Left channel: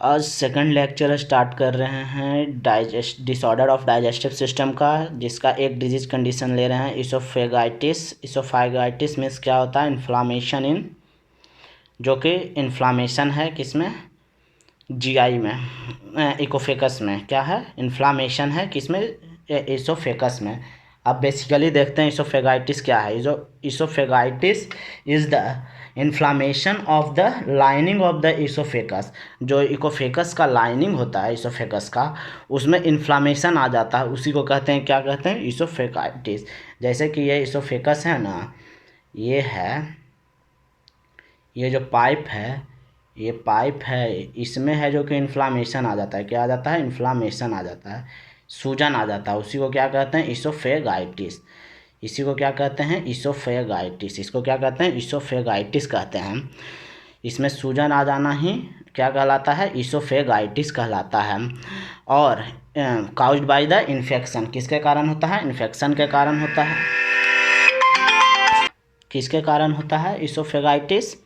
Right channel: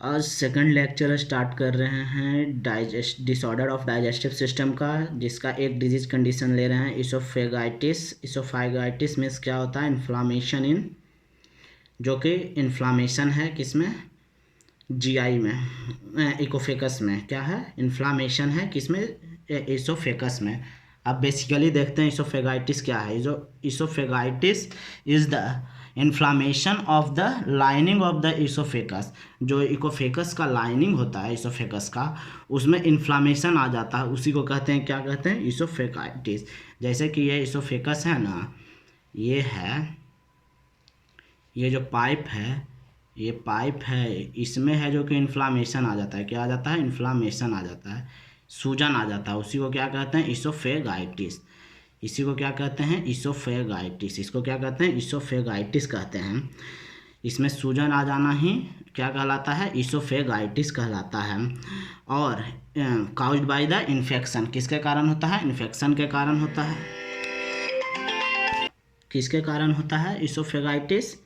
आज second lecture start कर रहे हैं डिसऑर्डर ऑफ डाइजेस्टिव सिस्टम का, जिसका एक डिजीज कंडीशन ले रहे हैं इसोफेगाइटिस। इसोफेगाइटिस मीन्स क्या होता है? इन्फ्लामेशन इन, जो कि इन्फ्लामेशन है किसमें? जीआई में, इकोफेकस में। क्या है? इन्फ्लामेशन है किसमें? इसोफेकस में। अब बेसिकली देखते हैं इसोफेगाइटिस क्या है। Oesophagitis is the inflammation of the lining of the oesophagus. जो इकोफेकस का लाइनिंग होता है इसोफेकस का, उसमें इन्फ्लामेशन आ जाता है, उसी को कहते हैं, क्या कहते हैं? इसोफेगाइटिस। जैसे कि ये इसोफेकस है ना, ये है, ये जो पाइप है, ये पाइप है, इसमें है जो कि इन्फ्लामेशन आ जाता है। क्या आ जाता है? इन्फ्लामेशन आ जाता है, सूजन आ जाता है, उसी को क्या कहते हैं? इसोफेगाइटिस। इसी को क्या कहते हैं? इसोफेगाइटिस। इसको क्या कहते हैं? इसोफेगाइटिस कहते हैं। इसमें सूजन आ जाना ही क्या कहलाता है? इसोफेगाइटिस कहलाता है। और काउज्ड बाय द इन्फेक्शन, किसके कारण होता है? इन्फेक्शन के कारण होता है। किसके कारण होता है इसोफेगाइटिस?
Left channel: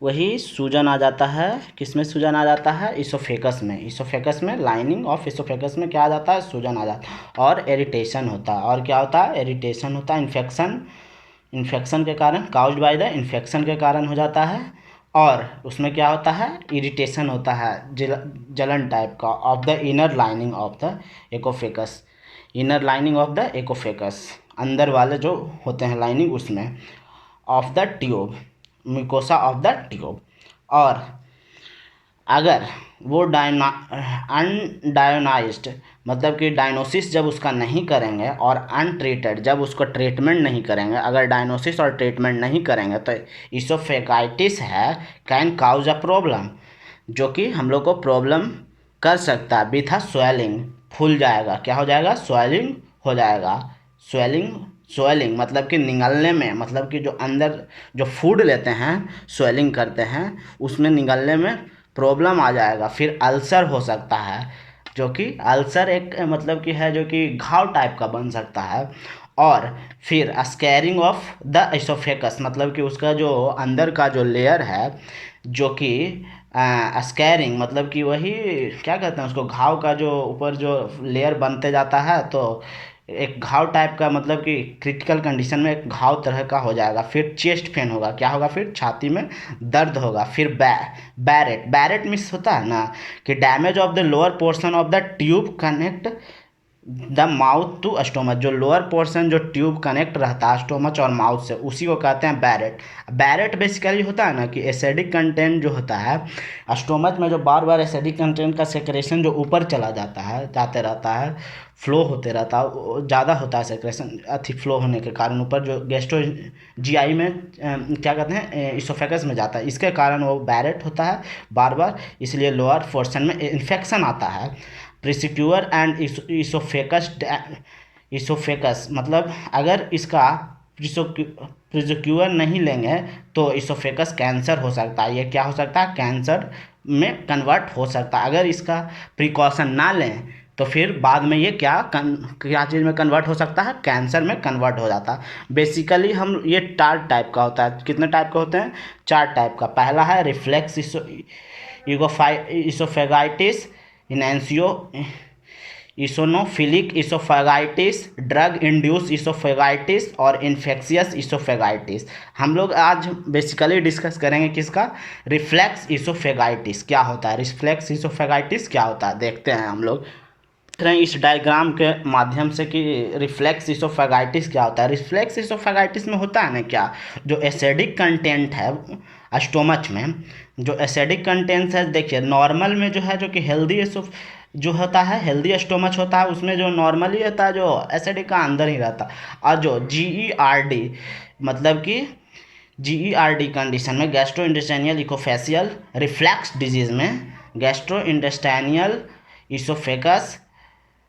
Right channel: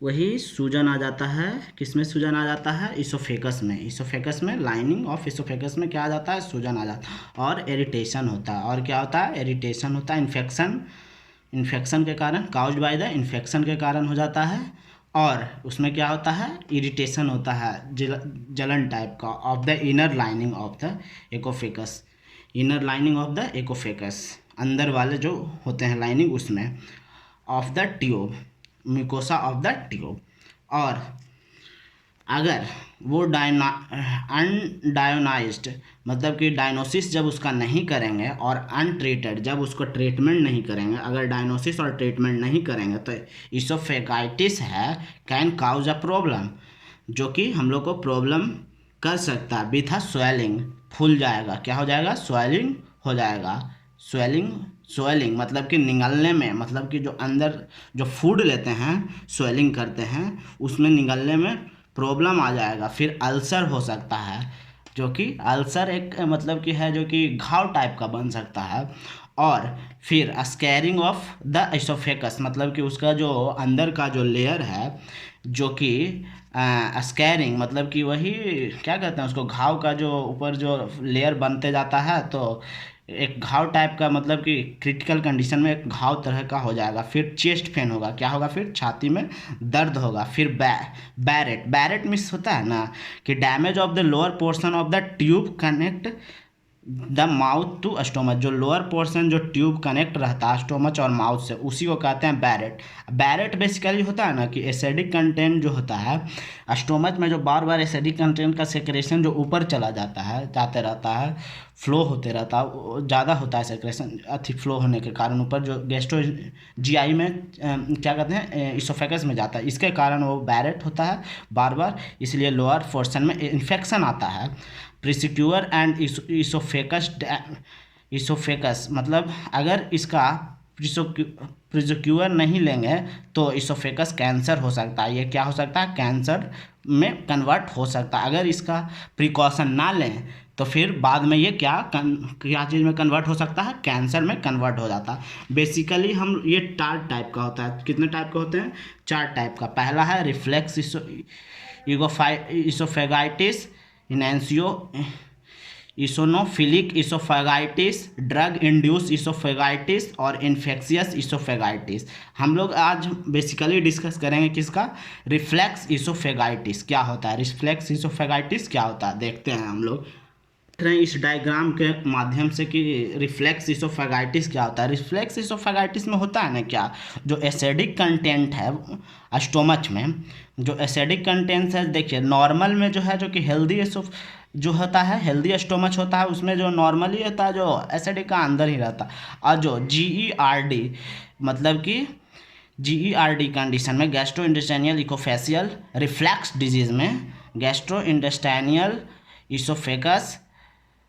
वही सूजन आ जाता है। किसमें सूजन आ जाता है? इसोफेकस में। इसोफेकस में, लाइनिंग ऑफ इसोफेकस में क्या आ जाता है? सूजन आ जाता है और इरिटेशन होता है। और क्या होता है? इरिटेशन होता है। इन्फेक्शन के कारण, काउज्ड बाय द इन्फेक्शन के कारण हो जाता है। और उसमें क्या होता है? इरिटेशन होता है, जलन टाइप का, of the inner lining of the oesophagus. Inner lining of the oesophagus, अंदर वाले जो होते हैं लाइनिंग, उसमें of the tube, mucosa of the tube. और अगर वो अनडायोनाइज्ड, मतलब कि डायग्नोसिस जब उसका नहीं करेंगे, और अनट्रीटेड, जब उसको ट्रीटमेंट नहीं करेंगे, अगर डायग्नोसिस और ट्रीटमेंट नहीं करेंगे, तो इसोफेगाइटिस है कैन काउज अ प्रॉब्लम, जो कि हम लोग को प्रॉब्लम कर सकता है। विथ अ स्वेलिंग, फूल जाएगा। क्या हो जाएगा? स्वेलिंग हो जाएगा। स्वेलिंग मतलब कि निगलने में, मतलब कि जो अंदर जो फूड लेते हैं, स्वेलिंग करते हैं, उसमें निगलने में प्रॉब्लम आ जाएगा। फिर अल्सर हो सकता है, जो कि अल्सर एक मतलब कि है जो कि घाव टाइप का बन सकता है। और फिर स्कैरिंग ऑफ द इसोफेकस, मतलब कि उसका जो अंदर का जो लेयर है, जो कि स्कैरिंग मतलब कि वही क्या कहते हैं उसको, घाव का जो ऊपर जो लेयर बनते जाता है, तो एक घाव टाइप का, मतलब कि क्रिटिकल कंडीशन में एक घाव तरह का हो जाएगा। फिर चेस्ट पेन होगा। क्या होगा? फिर छाती में दर्द होगा। फिर बैरेट मिस होता है ना, कि damage of the lower portion of the tube connect the mouth to stomach. जो लोअर पोर्शन, जो ट्यूब कनेक्ट रहता है स्टोमच और माउथ से, उसी को कहते हैं बैरेट बेसिकली होता है ना, कि एसिडिक कंटेंट जो होता है स्टोमच में, जो बार बार एसिडिक कंटेंट का सेक्रेशन जो ऊपर चला जाता है, जाते रहता है, फ्लो होते रहता है, ज़्यादा होता है सेक्रेशन, अति फ्लो होने के कारण ऊपर जो गैस्ट्रो जीआई में क्या कहते हैं, इसोफेगस में जाता है, इसके कारण वो बैरेट होता है बार बार। इसलिए लोअर पोर्शन में इन्फेक्शन आता है। प्रिसिक्यूअर एंड इसोफेकस मतलब अगर इसका प्रिसिक्यूअर नहीं लेंगे तो इसोफेकस कैंसर हो सकता है। ये क्या हो सकता है? कैंसर में कन्वर्ट हो सकता है। अगर इसका प्रिकॉशन ना लें तो फिर बाद में ये क्या चीज़ में कन्वर्ट हो सकता है? कैंसर में कन्वर्ट हो जाता है। बेसिकली हम ये 4 टाइप का होता है। कितने टाइप के होते हैं? 4 टाइप का। पहला है रिफ्लेक्स इसोफेगाइटिस, इनेंसियो इसोनोफिलिक इसोफेगाइटिस, ड्रग इंड्यूस इसोफेगाइटिस और इन्फेक्शियस इसोफेगाइटिस। हम लोग आज बेसिकली डिस्कस करेंगे किसका? रिफ्लेक्स इसोफेगाइटिस क्या होता है। रिफ्लेक्स इसोफेगाइटिस क्या होता है देखते हैं हम लोग। देख रहे हैं इस डायग्राम के माध्यम से कि रिफ्लेक्स इसोफेगाइटिस क्या होता है। रिफ्लेक्स इसोफेगाइटिस में होता है ना क्या, जो एसिडिक कंटेंट है स्टोमच में, जो एसिडिक कंटेंट्स है, देखिए नॉर्मल में जो है, जो कि हेल्दी जो होता है, हेल्दी स्टोमच होता है, उसमें जो नॉर्मली होता है, जो एसिडिक का अंदर ही रहता है। और जो GERD मतलब कि GERD कंडीशन में, गैस्ट्रो इंटेस्टाइनल इकोफेसियल रिफ्लक्स डिजीज में, gastro intestinal oesophagus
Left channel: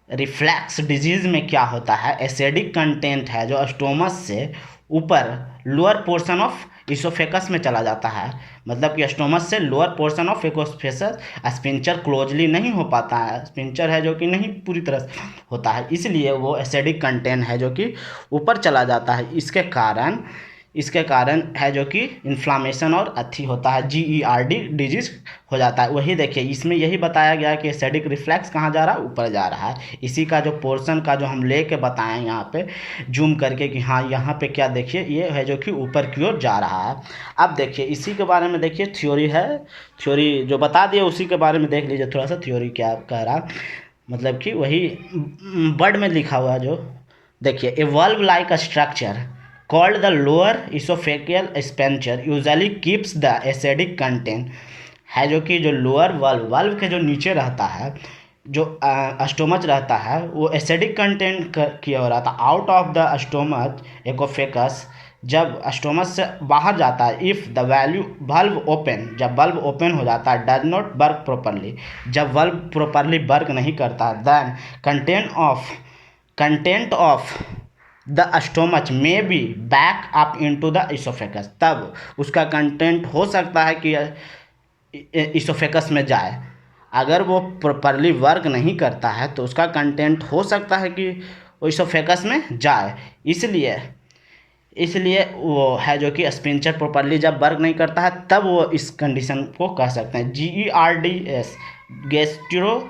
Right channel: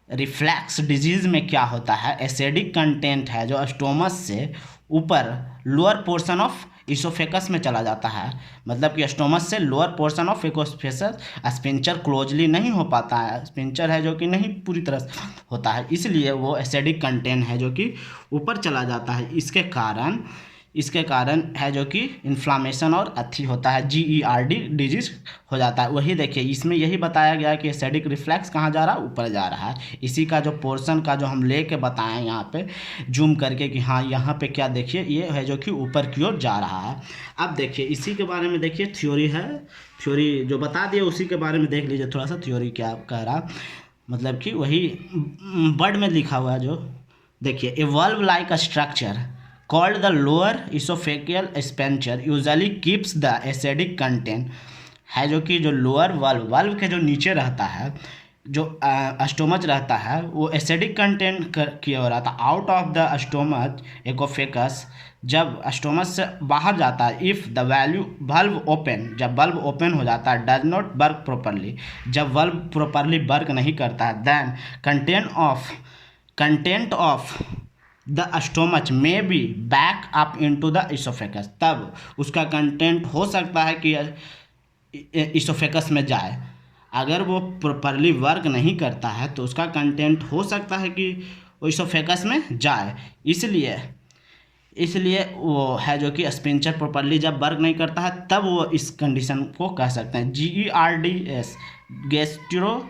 reflux disease में क्या होता है, एसिडिक कंटेंट है जो स्टोमच से ऊपर लोअर पोर्शन ऑफ इसोफेकस में चला जाता है। मतलब कि स्टोमच से lower portion of oesophagus sphincter closely नहीं हो पाता है, स्पिंचर है जो कि नहीं पूरी तरह से होता है, इसलिए वो एसिडिक कंटेंट है जो कि ऊपर चला जाता है। इसके कारण इसके कारण है जो कि इन्फ्लामेशन और अथी होता है, GERD डिजीज हो जाता है। वही देखिए इसमें यही बताया गया कि एसिडिक रिफ्लेक्स कहाँ जा रहा है, ऊपर जा रहा है। इसी का जो पोर्शन का जो हम लेके बताएं यहाँ पे जूम करके कि हाँ यहाँ पे क्या देखिए ये है जो कि ऊपर की ओर जा रहा है। अब देखिए इसी के बारे में देखिए थ्योरी है, थ्योरी जो बता दिए उसी के बारे में देख लीजिए थोड़ा सा थ्योरी क्या कह रहा, मतलब कि वही वर्ड में लिखा हुआ जो देखिए a valve like a structure called the lower esophageal sphincter usually keeps the acidic content है जो कि जो लोअर वाल्व के जो नीचे रहता है जो स्टोमच रहता है वो एसिडिक कंटेंट की ओर आता है। Out of the stomach oesophagus जब स्टोमच से बाहर जाता है, if the value valve open जब वल्व ओपन हो जाता है, डज नॉट वर्क प्रॉपरली जब वल्व प्रॉपरली वर्क नहीं करता है, then content of the stomach में be back up into the oesophagus, तब उसका कंटेंट हो सकता है कि इसोफेकस में जाए। अगर वो प्रॉपरली वर्क नहीं करता है तो उसका कंटेंट हो सकता है कि वो इसोफेकस में जाए। इसलिए वो है जो कि स्पिंचर प्रॉपरली जब वर्क नहीं करता है तब वो इस कंडीशन को कह सकते हैं। GERDS gastro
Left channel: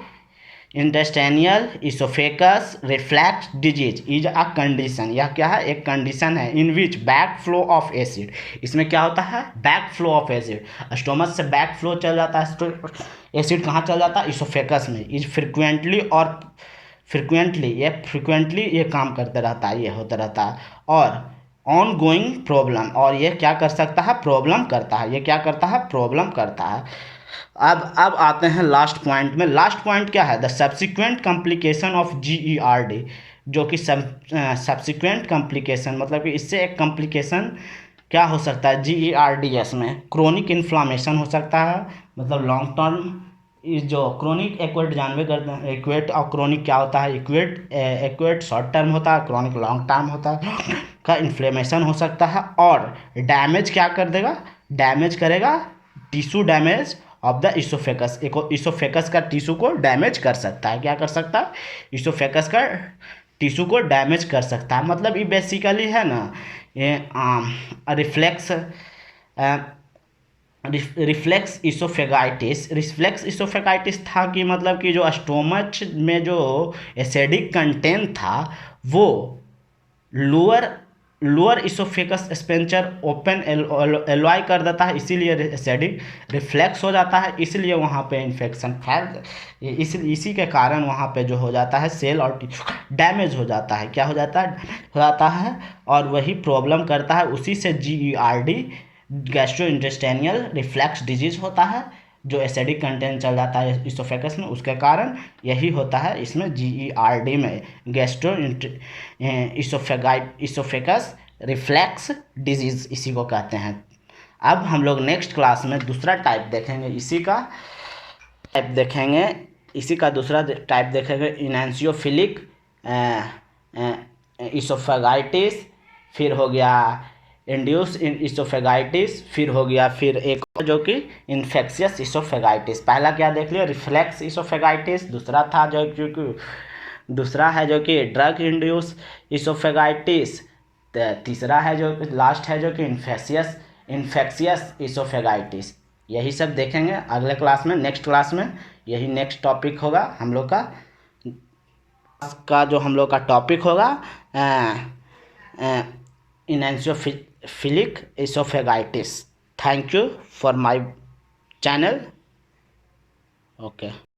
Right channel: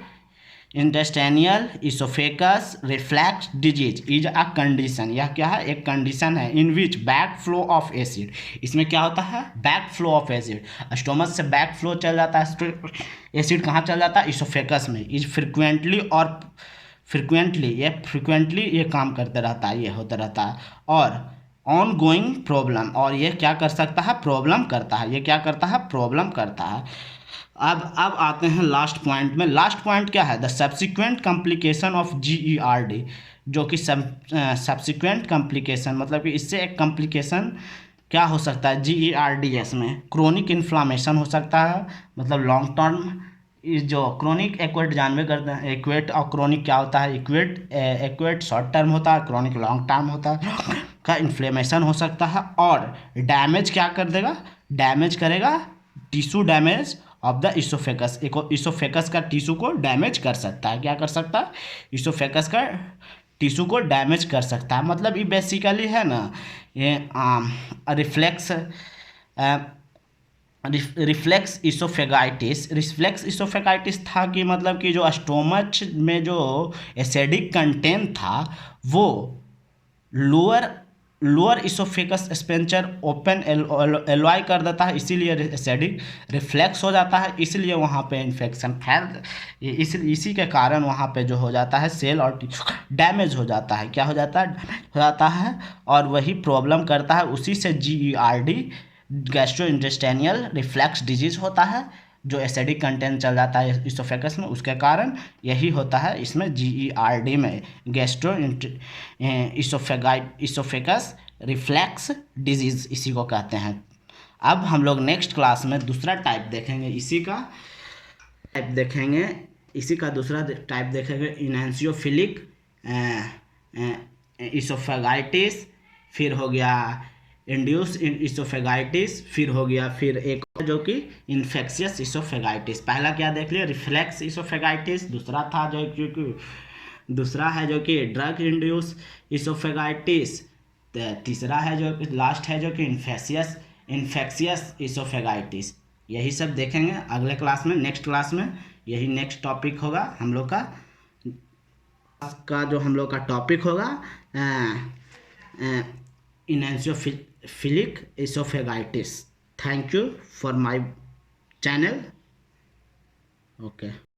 intestinal oesophagus reflux disease is a condition, यह क्या है, एक कंडीशन है इन which back flow of acid, इसमें क्या होता है back flow of acid, stomach से बैक फ्लो चल जाता है, एसिड कहाँ चल जाता है इसोफेगस में, इज फ्रिक्वेंटली ये काम करते रहता है, ये होता रहता है और ऑन गोइंग प्रॉब्लम, और ये क्या कर सकता है प्रॉब्लम करता है, ये क्या करता है प्रॉब्लम करता है। अब आते हैं लास्ट पॉइंट में। लास्ट पॉइंट क्या है, the subsequent complication of GERD, जो कि सब्सिक्वेंट कॉम्प्लिकेशन मतलब कि इससे एक कॉम्प्लिकेशन क्या हो सकता है GERDS में, क्रोनिक इन्फ्लामेशन हो सकता है, मतलब लॉन्ग टर्म जो क्रोनिक एक्वेट जानवे करते हैं, एक्वेट और क्रोनिक क्या होता है, एक्वेट शॉर्ट टर्म होता है, क्रोनिक लॉन्ग टर्म होता है का इन्फ्लेमेशन हो सकता है और डैमेज क्या कर देगा, डैमेज करेगा tissue damage of the oesophagus, oesophagus का टिश्यू को डैमेज कर सकता है, क्या कर सकता है इसोफेगस का टिश्यू को डैमेज कर सकता है। मतलब ये बेसिकली है ना ये रिफ्लेक्स इसोफेगाइटिस था कि मतलब कि जो स्टोमच में जो एसिडिक कंटेंट था वो लोअर इसोफेगस स्पेंचर ओपन एलॉय कर देता है, इसीलिए एसिडिक रिफ्लेक्स हो जाता है, इसलिए वहाँ पे इन्फेक्शन फैल इसी के कारण वहाँ पे जो हो जाता है सेल और टिश्यू डैमेज हो जाता है, क्या हो जाता है और वही प्रॉब्लम करता है। उसी से GERD गैस्ट्रोइंटेस्टाइनल रिफ्लक्स डिजीज होता है, जो एसिडिक कंटेंट चल जाता है इसोफेगस में, उसके कारण यही होता है इसमें GERD में गैस्ट्रो इसोफेगस रिफ्लक्स डिजीज इसी को कहते हैं। अब हम लोग नेक्स्ट क्लास में दूसरा टाइप देखेंगे, इसी का दूसरा टाइप देखेंगे इनएंसियोफिलिक इसोफेगाइटिस, फिर हो गया इंड्यूस इसोफेगाइटिस, फिर हो गया फिर एक जो कि इन्फेक्शियस इसोफेगाइटिस। पहला क्या देख लिया रिफ्लेक्स इसोफेगाइटिस, दूसरा था दूसरा है जो कि ड्रग इंड्यूस इसोफेगाइटिस, तीसरा है जो लास्ट है जो कि इन्फेक्शियस इसोफेगाइटिस। यही सब देखेंगे अगले क्लास में, नेक्स्ट क्लास में यही नेक्स्ट टॉपिक होगा हम लोग का जो हम लोग का टॉपिक होगा eosinophilic oesophagitis. Thank you for my channel. Okay.